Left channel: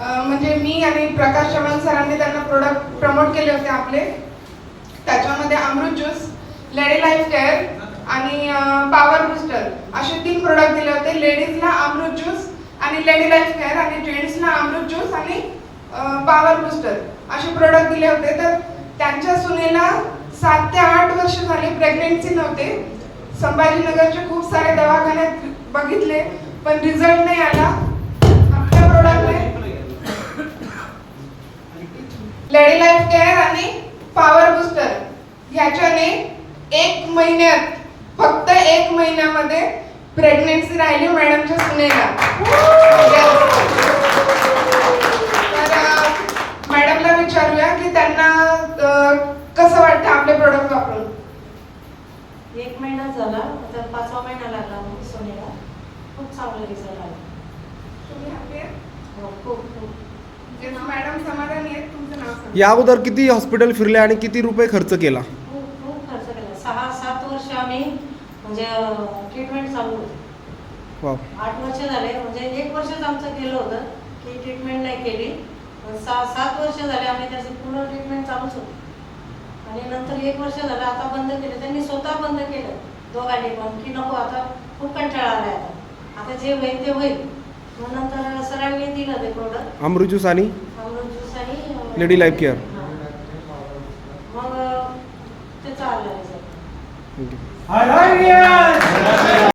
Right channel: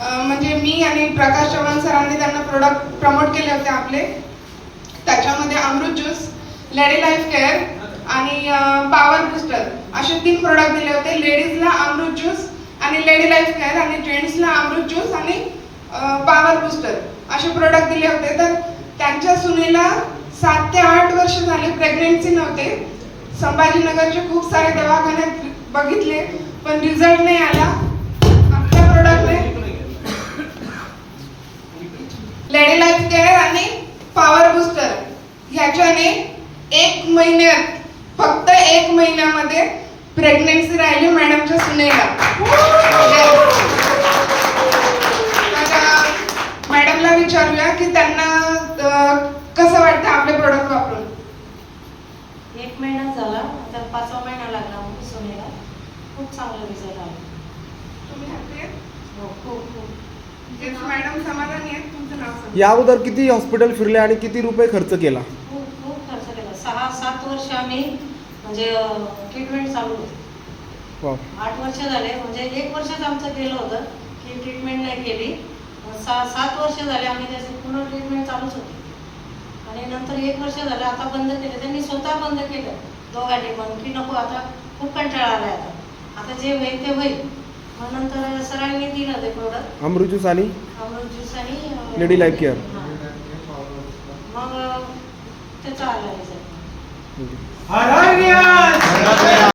म्हणजे मी आणि प्रकाश चव्हाण सरांनी त्यांना प्रोडक्ट प्रमोट केले होते आपले. त्याच्यामध्ये अमृत ज्यूस, लेडी लाईफ केअर आणि पॉवर बूस्टर असे 3 प्रोडक्ट दिले होते. लेडीजला अमृत ज्यूस आणि लेडी लाईफ केअर आणि जेंट्सला अमृत ज्यूस आणि पॉवर बूस्टर असे प्रोडक्ट दिले होते. तर त्यांच्या सुनेला 7 ते 8 वर्ष झाले प्रेग्नेन्सी नव्हते. संभाजीनगरचे खूप सारे दवाखान्यात बघितले पण रिझल्ट नाही आला. आपल्या प्रोडक्टने लेडी लाईफ केअर आणि पॉवर बूस्टर ह्याच्याने 1 महिन्यात, फक्त 1 महिन्यामध्ये प्रेग्नेन्सी राहिली मॅडमच्या सुनेला. तर मॅडमला विचारूया की त्यांना कसं वाटतं आपले प्रोडक्ट वापरून. 1 महिना झाला, तर 5वा महिना लागला सुनेला. खूप चांगला रिझल्ट आला. तुम्ही हॅपी आहे? हो, खूप खूप. मॅडम समाधानी आहेत. तुमचं नाव सांगा. या अगोदर किती हॉस्पिटल फिरले आणि किती रुपये खर्च केला? खूप खूप खर्च केला. 6-7 वर्ष आम्ही म्हणजे ट्रीटमेंट चालू होती. वाव. 8 वर्ष झाले, म्हणजे 1 वर्षच आमचं गेलं होतं की ट्रीटमेंट नाही केली. 7 वर्ष झाले आम्ही त्याची पूर्ण ट्रीटमेंट चालूच होती. आणि नंतर 1 वर्ष झालं आता बंद केले. त्यांनी स्वतः बंद केलं दोघांनी पण, की नको आता खूप कंटाळा आलाय, आता जे होईल ते होईल. मग नंतर सरांनी दिलं ते प्रोडक्ट अमृत ज्यूस आणि अमृत ज्यूस आणि लेडी लाईफ केअर. मग त्याचा आला रिझल्ट. ठीक आहे.